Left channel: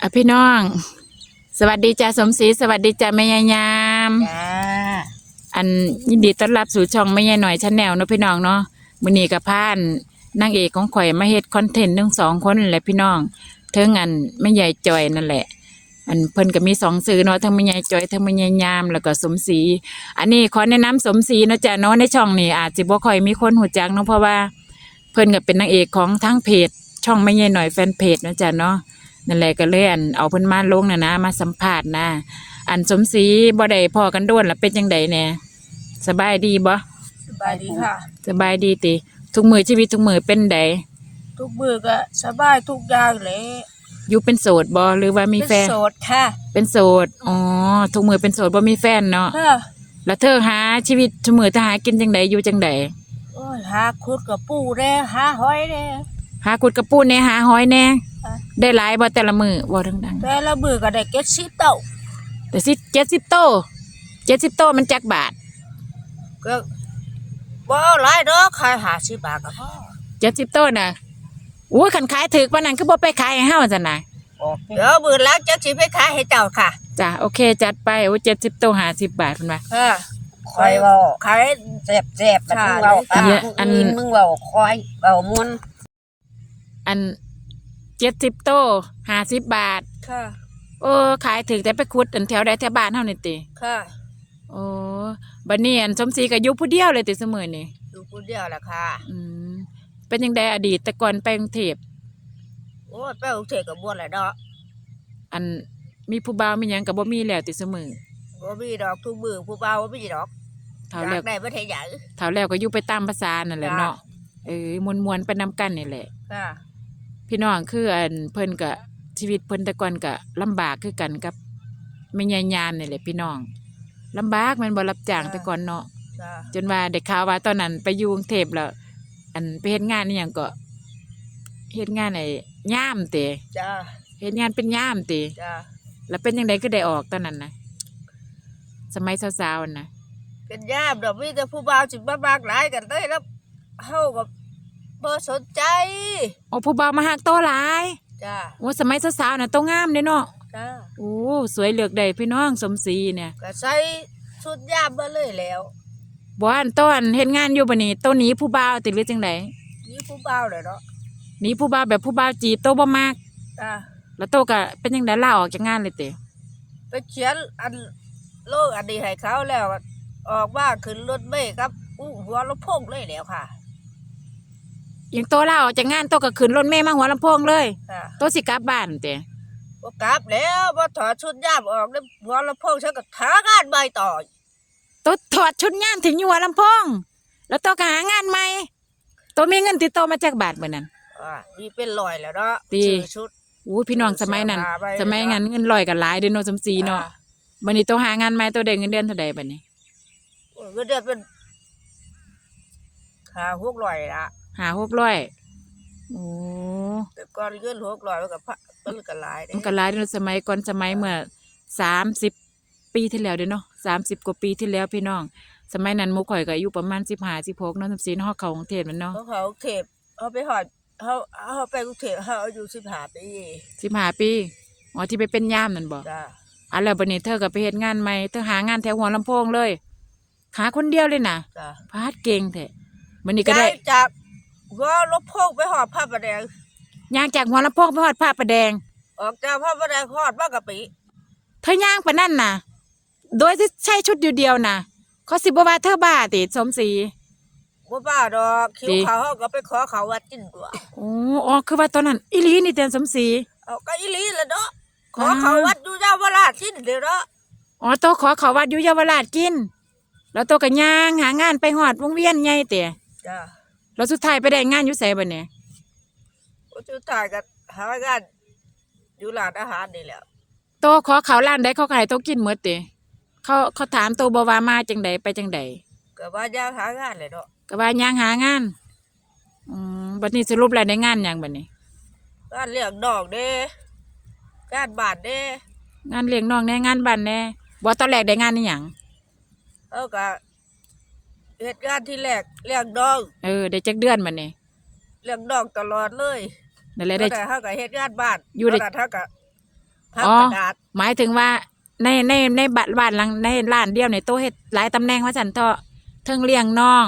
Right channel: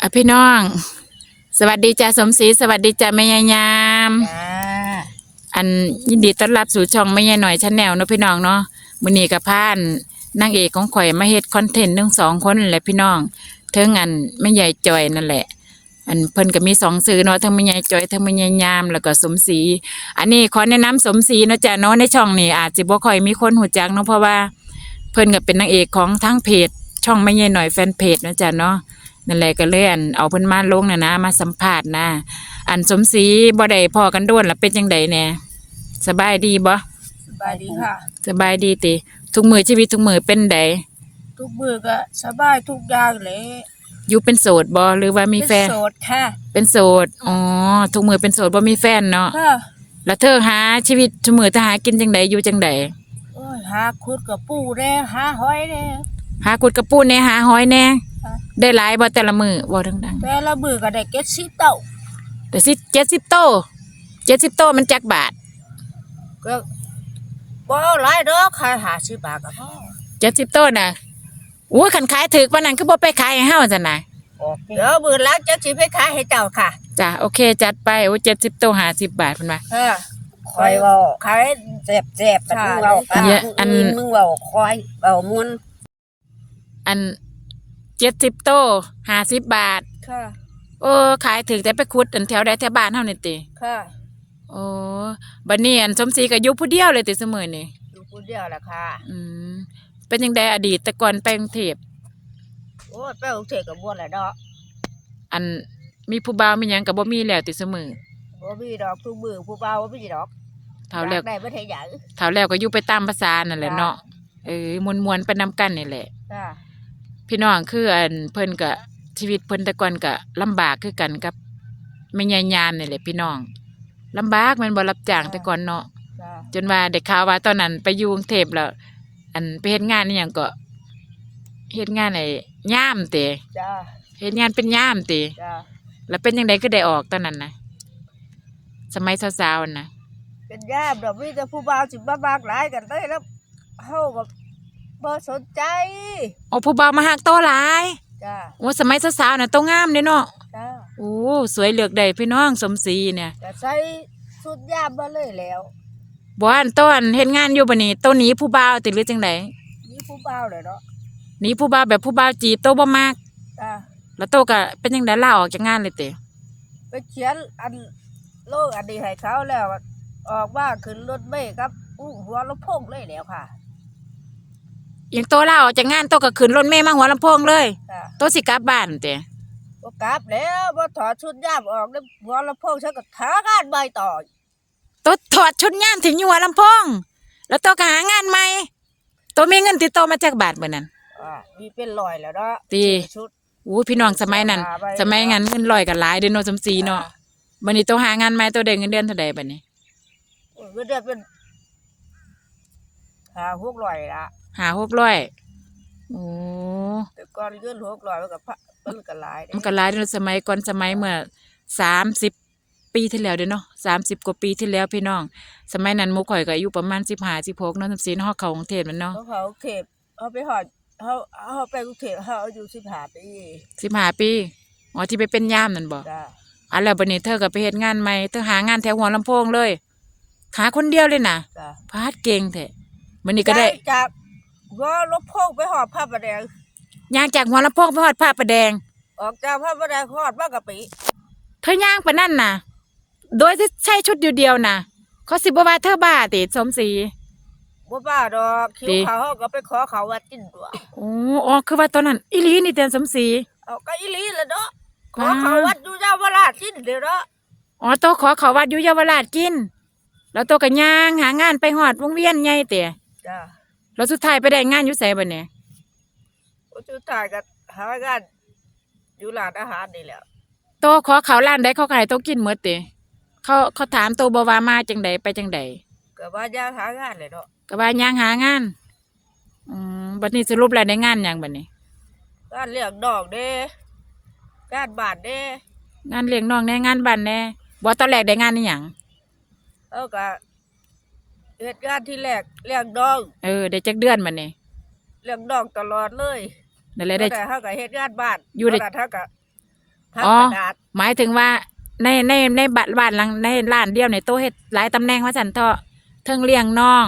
อะพี่น้อง สวัสดีจ้าสมศรีสวัสดีจ้าแม่ยายยาม จ้าอันยินดีต้อนรับสู่ช่องแม่ยายหน่อยชาแนลเนาะพี่น้องเนาะมื้อนี้กับพานนางเอกของข่อยมาเฮ็ดคอนเทนต์ทั้งสองคนแหละพี่น้องเทิงอันแม่ยายจอยนั่นแหละ อันเพิ่นก็มีสองสื่อเนาะทั้งแม่ยายจอยทั้งแม่ยายยามแล้วก็สมศรีอันนี้ขอแนะนำสมศรีเนาะจ้ะเนาะในช่องนี้อาจสิบ่ค่อยมีคนหูจักเนาะเพราะว่า เพิ่นก็เป็นนางเอกของทั้งเพจ ช่องแม่ยายหน่อยแฟนเพจเนาะจ้ะเนาะ นั่นแหละก็เลยอันเอาเพิ่นมาลงน่ะนะ มาสัมภาษณ์นะอันสมศรีบ่ได้พอกันโดนแล้วเป็นจังไดแหน่สบายดีบ่สบายดีค่ะ สบายดีติทุกมือชีวิตทุกมือเป็นไดทุกมือก็สบายทุกอย่างเลยอยู่เป็นโสดบ่หรือว่ามีแฟนเป็นโสดค่ะ เป็นโสดอ๋อทุกมือเป็นโสดบ่มีแฟนเนาะค่ะแล้วเธอหาชีวิตทุกมือเธอหากินจังไดอยู่จังไดโอ้ยหาคุดกับปูแน่หาหอยแน่หากุดกระปูแหน่หาหอยแหน่ค่ะ ได้หลายบ่แต่ละมือบ่ดังแต่ละมือก็ได้เก็ดสิบเต่าๆแต่สิ70โต70โตมันจักบาทก็ว่าหลายดอกขายหาสิบบาทก็พอ70โตน่ะโอ้ยคันขายถึกปานนั้นคือบ่ไปขายให้เฮาซั่นน่ะเดี๋ยวมือแล้วจะสิไปขายให้เจ้าค่ะจ้ะโอเคจัดไปโอ้70โต50บาทเพิ่นว่าค่ะคอยเว่าขายแซ่บแซ่บมันค่ะมึงเว่าตามเนี่ยอัน มึงมึงเว่าคอยเว่ามุนอัน เจ็ดสิบโตห้าสิบบาท ค่ะโอ้ขายถึงแต่ไปคุดอันแถวใดแถวบ้านเฮานี่ติค่ะโอ้บัดนี้อันสมศรีก็อยู่ผู้เดียวเลยติเสมอนี่อยู่คนเดียวแหละค่ะ อืมเป็นจังไดอดีตแต่ก่อนไปกรุงเทพโอ้ยไปกรุงเทพกับบ้วนแหละเนาะอันมีผู้บ่าวมีหยังก็บ่มีแล้วติเสมอบ่มีดอกทุกมือผู้เบาบ่มีดอกเท่าแล้วได้บ่ได้หยัง เท่าแล้วก็อยู่ไปตามภาษานั่นแหละเนาะ เออมวนๆไปนำกันนี่แหละค่ะ พี่น้องคืออันเพิ่นก็ชีวิตเพิ่นแต่ก่อนก็ลำบากคือกันกับแม่ยายยามนี่แหละพี่น้องลำบากแม่นบ่รับจ้างแต่ก่อนเนาะจ้าจนว่าได้ข่าวว่าตอนนั้นไปอยู่กรุงเทพแล้ว อันไปเฮ็ดงานนี่หยังก็เฮ็ดงานไอ้ย่ามเตะจ้าเฮ็ดงานเป็นย่ามเตะจ้าแล้วเป็นจังไดก็ได้ออกตอนนั้นนะสมัยสาวๆนะเป็นยามดอกมีแต่ผู้บ่าวสิมามากหลายกันได้แล้วเฮาก็ บ่สนใจโอ้ผู้บ่าวมาหักโตหลายจ้าโอ้สมัยสาวๆน่ะโตงามเด้เนาะจ้าโอ้สวยเหลือกได้พี่น้องสมศรีเนี่ยก็ใส่ชุดยามมาเลยแล้วบ่อันตอนเฮ็ดงานอยู่บัดนี้โตหนีผู้บ่าวติหรือจังไดนี่ผู้บ่าวเลยเนาะหนีผู้บ่าวแบบผู้บ่าวจีบโตบ่มากจ้าแล้วโตก็เป็นจังไดลาออกจากงานเลยเตะไปเขียนอันโลกอันนี้ให้เขาแล้วอะออกมาขึ้นรถเมล์ครับอู้หัวลำโพงเลยแล้วค่ะ ยังโตลาออกจากงานโตก็ขึ้นรถเมล์มาหัวลำโพงเลย ค่ะโตสิกลับบ้านเตะบ่กลับแล้วบ่ถอดชุดยามออกแล้วหัวลำโพงฉันก็ทางานใบต่อโตถอดชุดงานถึงอยู่หัวลำโพง แล้วโตก็หางานใหม่โตมีเงินติดโตมาจากบาทเมื่อนั้น อ่ามีเป็นรอยแล้วเนาะดีซื้อชุดอู้พี่น้องสมัยนั้นหาไว้สมัยงานเงินลอยกันหลายเด้อเนาะจำซีเนาะบัดนี้โตหางานใหม่โตได้เงินเดือนเท่าใดบัดนี้ โอ้ยก็เดือนเป็นขาหกร้อยละ หาหกร้อยโอ้แต่ก่อนเงินหกร้อยมันก็พะมันก็หลายเด้มันก็หลายเด้อสมัยก่อนสมัยเมื่อสามสิบปีที่แล้วเด้อเนาะสามสิบกว่าปีที่แล้วพี่น้อง สมัยนั้นหมูข่อยก็อายุประมาณสิบห้าสิบหกเนาะจำซีเนาะเขากรุงเทพแมันเนาะเขาเขากรุงเทพเขาไปหอดเขาเขาไปกรุงเทพเขาอายุสิบห้าปีสิบห้าปีอ๋อที่ไปเป็นย่ามนั่นบ่จ้าอันแล้วบัดนี้เธอก็ไปเฮ็ดงานใหม่เธอหางานแถวหัวลำโพงเลยหาคนเดียวเลยนะจ้าพาดเก่งแท้บัดนี้ก็ได้จาก หัว่ารถโพกไปหอดผ้าประแดง ย่างจากหัวลำโพงไปฮอดผ้าประแดงออกจากผ้าประแดงหอดว่ากะปิเธอย่างปะนั่นน่ะ โดยจะใช้ชุดอยู่เดียวน่ะเขาสิบว่าเธอบ้าติสมศรีว่าบ้าดอกคิวดี เขาเขาก็ไปขอเขาวัดกินตัวโอ้อ๋อคือว่าตอนนั้นอีหลีนี่เตียนสมศรี เอาก็อีหลีละเนาะขอว้าว เขาวัดอยู่เจ้าวราชกินเดี๋ยวเนาะอ๋อโตขอเขาวัดอยู่เยาวราชกิน แล้วโตก็ย่างหางานไปฮอดวงเวียนใหญ่เตะจ้า แล้วสุดท้ายไปได้งานอยู่ไสบัดนี้จุดถ่ายกันหางานอยู่ร้านอาหารนี่แหละโตขอเขาร้านใดเขาก็ให้โตกินหมดเตะเขาเขาถามโตบ่ว่ามาจังใดไปจังใดก็ว่าย่างหางานเลยเนาะก็ว่าย่างหางานอืมบัดนี้สรุปแล้วได้งานหยังบัดนี้ งานเลี้ยงดอกเด้งานบาทเด้ งานเลี้ยงน้องแน่งานบ้านแน่บ่ตอนแรกได้งานนี่หยัง เอาก็ เหตุการณ์ที่แรกเลี้ยงดองเออได้จักเดือนบัดนี้เลี้ยงดองตลอดเลยนั่นแหละได้ได้แต่เขาก็เหตุงานบ้านอยู่ในตนนั้นเขาก็พับอ๋อกระดาษหมายถึงว่าในในในบ้านบ้านหลังในร้านเดียวในโต๊ะเฮ็ดหลายตำแหน่งว่าจันเถาะเทั้งเลี้ยงน้อง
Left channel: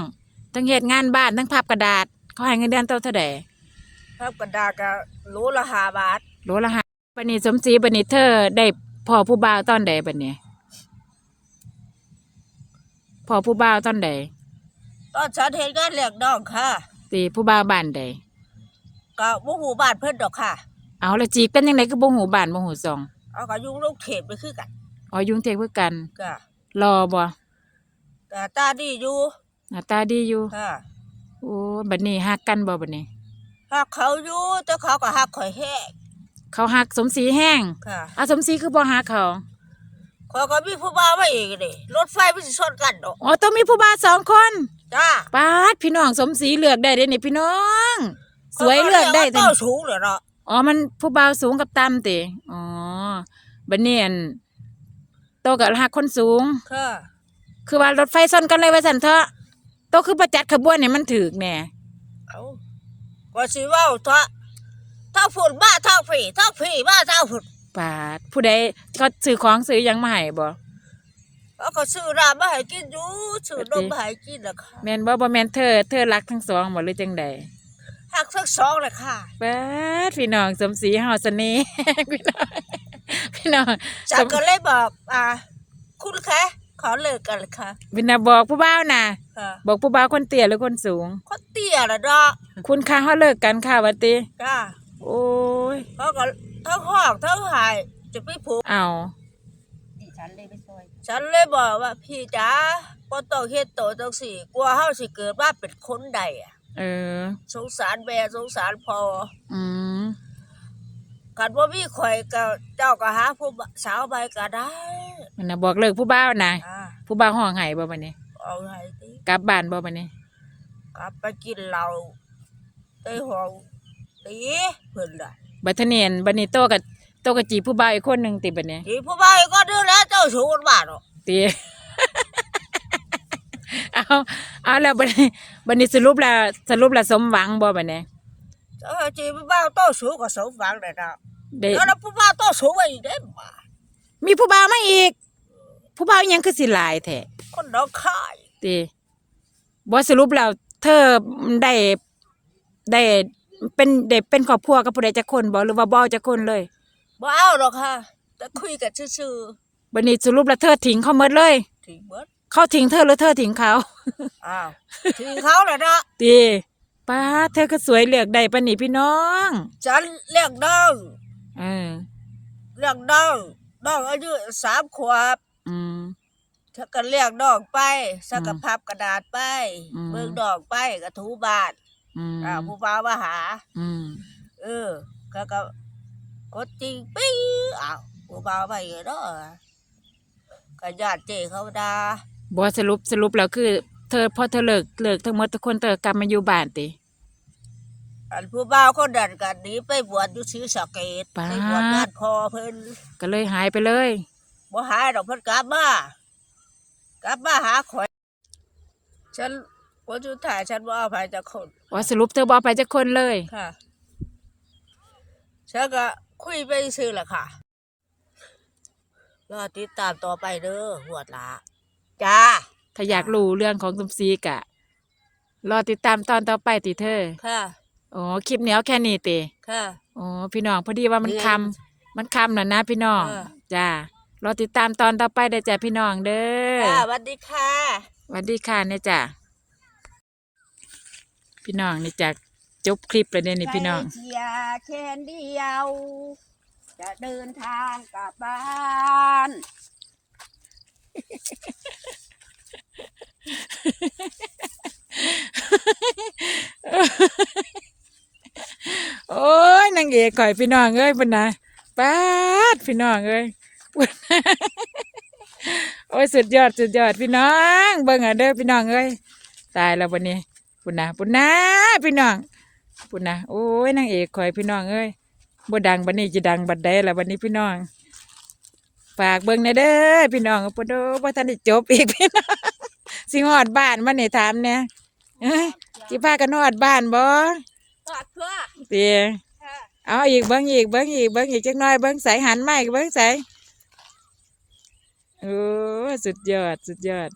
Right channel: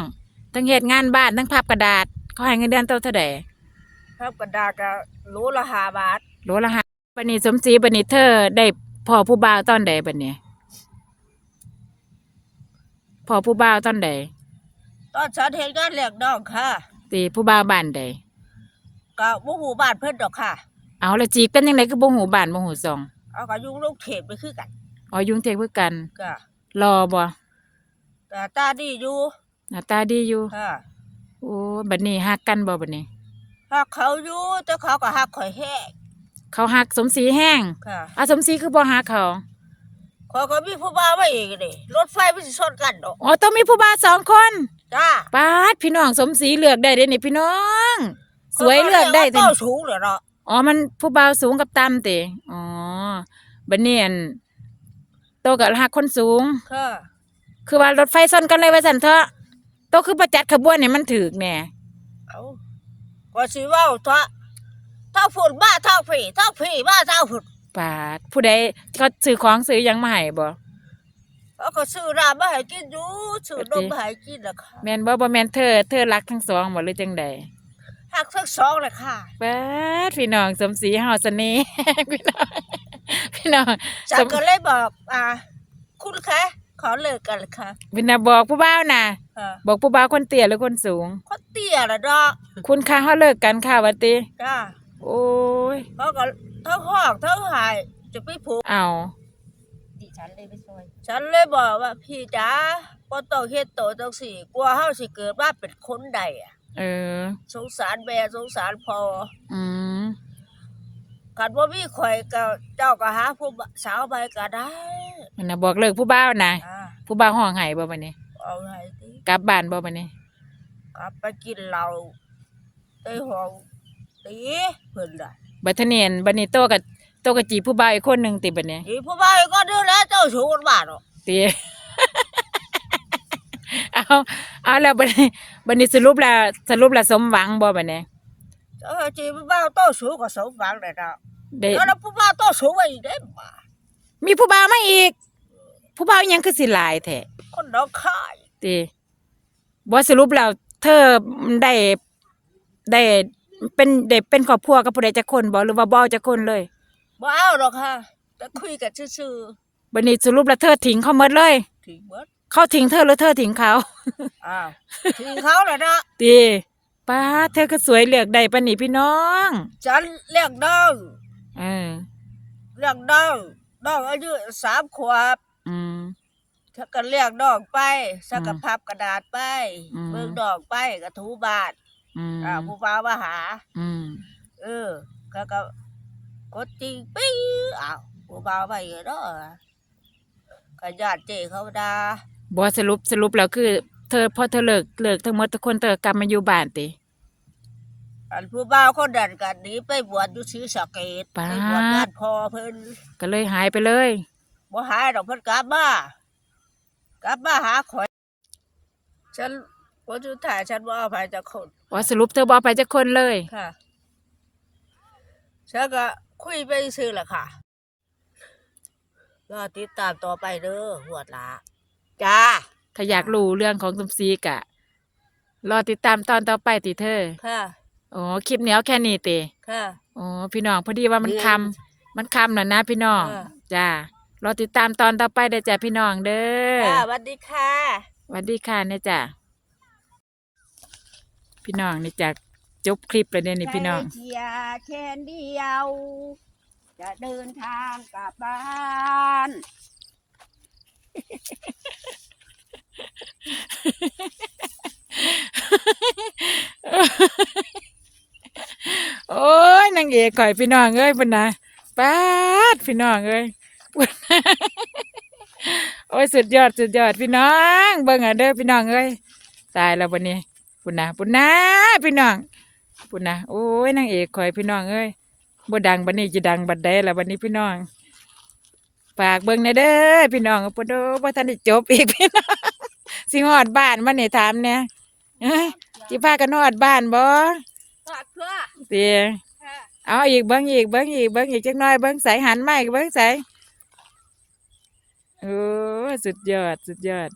เทั้งเฮ็ดงานบ้านเทั้งพับกระดาษเขาให้เงินเดือนโตะเท่าใดพับกระดาษก็โลละห้าบาทโลละห้าบัดนี้สมศรีบัดนี้เธอได้พ่อผู้บ่าวตอนใดบัดนี้พ่อผู้บ่าวตอนใด ตอนฉันเห็นงานเลี้ยงน้องค่ะตีผู้บ่าวบ้านใดก็บ่ฮู้บ้านเพิ่นดอกค่ะ เอาและจีบกันยังไงก็บ่หูบ้านบ่หูซองเอาก็อยู่ลูกเทพไปคือกันอ๋อยุ่งเทกเพื่อกันก็รอบ่แต่ตาดีอยู่หน้าตาดีอยู่ค่ะโอ้บัดนี้ฮักกันบ่บัดนี้ฮักเขาอยู่แต่เขาก็ฮักข่อยแห้งเขาฮักสมศรีแห้งค่ะอะสมศรีคือบ่ฮักเขาข่อยก็มีผู้บ่าวมาอีกนี่รถไฟมันสิชนกันดอกอ๋อต้องมีผู้บ่าวสองคน จ้าปาดพี่น้องสมศรีเลือกได้เด้นี่พี่น้อง สวยเลือกได้แต่แต่ต้สูงเหรอเนาะอ๋อ มันผู้บ่าวสูงกับต่ำติอ๋อบัดนี้อันโตกับฮักคนสูง ค่ะคือว่ารถไฟซ่อนกันเลยว่าซั่นเถอะโตคือประจัดขบวนเนี่ยมันถูกแน่เอาว่าสิเว้าทะถ้าฝุ่นมาถ้าผีถ้าผีมาถ้าฝุ่นปาดผู้ใดเขาซื้อของซื้อหยังมาให้บ่ เขาก็ซื้อน้ำมาให้กินอยู่ซื้อนมมาให้กินนะค่ะแม่นบ่บ่แม่นเธอเธอรักทั้งสองบ่หรือจังใดหักทั้งสองเลยค่ะปาดพี่น้องสมศรีเฮาเสน่ห์ พี่น้องพี่น้องฉันก็เลยบอกอ่าคุณคะขอเลิกกันเลยค่ะวินาบอกผู้บ่าวน่ะ ค่ะบอกผู้บ่าวคนเตี้ยหรือคนสูงเขาเตี้ยแล้วเนาะคุณคะเฮาเลิกกันค่ะว่าติจ้าโอ้ยเขาก็ทั้งห้องทั้งหายจะไปผูกเอา ฉันเลยบอกว่าพี่จ๋าก็ต้องเฮ็ดโตจังสี่กลัวเฮาสิเกิดมาเป็นคนใดอะเออ สงสารแม่สงสารพ่ออืมกันว่ามีข่อยก็เจ้าก็หาผู้สาวไปก็ได้มันน่ะบอกเลิกผู้บ่าวน่ะอ่าผู้บ่าวห้องไห้บ่บัดนี้เอาไงติกลับบ้านบ่บัดนี้กลับไปกินเหล้าในห้องตีเพิ่นล่ะ บัดเทอเนียนบัดนี้โตกับโตกับจีบผู้บ่าวอีกคนหนึงติบัดนี้อีผู้บ่าวก็ดูแล เจ้าชู้กันบ้านเนาะติเอาเอาแล้วบัดนี้บัดนี้สรุปแล้วสรุปแล้วสมหวังบ่บัดนี้เจ้าจีผู้บ่าวเจ้าชู้ก็สมหวังเลยนะได้แล้วผู้บ่าวเจ้าชู้ไว้อีกได้บ่ามีผู้บ่าวมาอีก ผู้บ่าวยังคือสิหลายแท้คนน้องคายติบ่สรุปแล้วเธอได้ได้เป็นได้เป็นครอบครัวกับผู้ใดจักคนบ่หรือว่าบ่จักคนเลยบ่เอาหรอกค่ะจะคุยกันซื่อ บัดนี้สรุปแล้วเธอทิ้งเขาหมดเลยๆถึงเบิดเขาทิ้งเธอหรือเธอทิ้งเขาอ้าวถึงเขาแล้วนะติป้าเธอก็สวยเลือกได้ปานนี้พี่น้องฉันเลี้ยงน้องเออเลี้ยงน้องน้องอายุสามขวบอืมฉันก็เลี้ยงน้องไปฉันก็อืมพับกระดาษไปอืม เบิ่งน้องไปก็ถูบ้านอืมอ่าผู้บ่าวมาหา อืมเออก็ก็กดจริงปิ้งอ้าวผู้บ่าวไปเนาะ ก็ญาติเจเขาด่าบ่สรุปสรุปแล้วคือ เธอพอเธอเลิกเลิกทั้งหมดทุกคนเธอกลับมาอยู่บ้านติอันผู้บ่าวคนดันกันหนี้ไปบวชอยู่ศรีสะเกดป๊าไปบวชงานพ่อเพิ่นก็เลยหายไปเลย บ่หายดอกเพิ่นกลับมากลับมาหาข่อย ฉันคนสุดท้ายฉันบ่เอาไปจากคนอ๋อสรุปเธอบ่ไปจักคนเลย ค่ะ ฉันก็คุยไปซื่อแหละค่ะ รอติดตามต่อไปเด้อหัวดละจ้าถ้าอยากรู้เรื่องของสมศรีกะ รอติดตามตอนต่อไปติเธอค่ะ อ๋อคลิปเหนียวแค่นี้ติค่ะอ๋อพี่น้องพอดีว่ามันคำมันคำน่ะนะพี่น้องอ่าจ้ารอติดตามตอนต่อไปเด้อจ้ะพี่น้องเด้อค่ะสวัสดีค่ะสวัสดีค่ะเนี่ยจ้ะพี่น้องนี่จ้ะจบคลิปแล้วเนี่ยนี่พี่น้องไปเชียร์แค่เดียว จะเดินทางกลับบ้าน โอ้ยนางเอกข่อยพี่น้องเอ้ยพุ่นนะป้าดพี่น้องเอ้ยโอ้ยสุดยอดสุดยอดพี่น้องเบิ่งอะเด้อพี่น้องเอ้ยตายแล้ววันนี้พุ่นนะพุ่นนะพี่น้องพุ่นนะโอ้ยนางเอกข่อยพี่น้องเอ้ย บ่ดังบัดนี้จะดังบัดใดล่ะบัดนี้พี่น้องฝากเบิ่งแหน่เด้อพี่น้องปะโดบ่ทันได้จบอีกพี่น้องสิฮอดบ้านมันนี่ถามเนี่ยเอ้ยสิพากันฮอดบ้านบ่ฝากเพื่อเตียค่ะเอาอีกเบิ้งอีกเบิ้งอีกเบิ้งอีกจักหน้อยเบิ้งใสหันมาอีกเบิ้งใสโอ้สุดยอดสุดยอด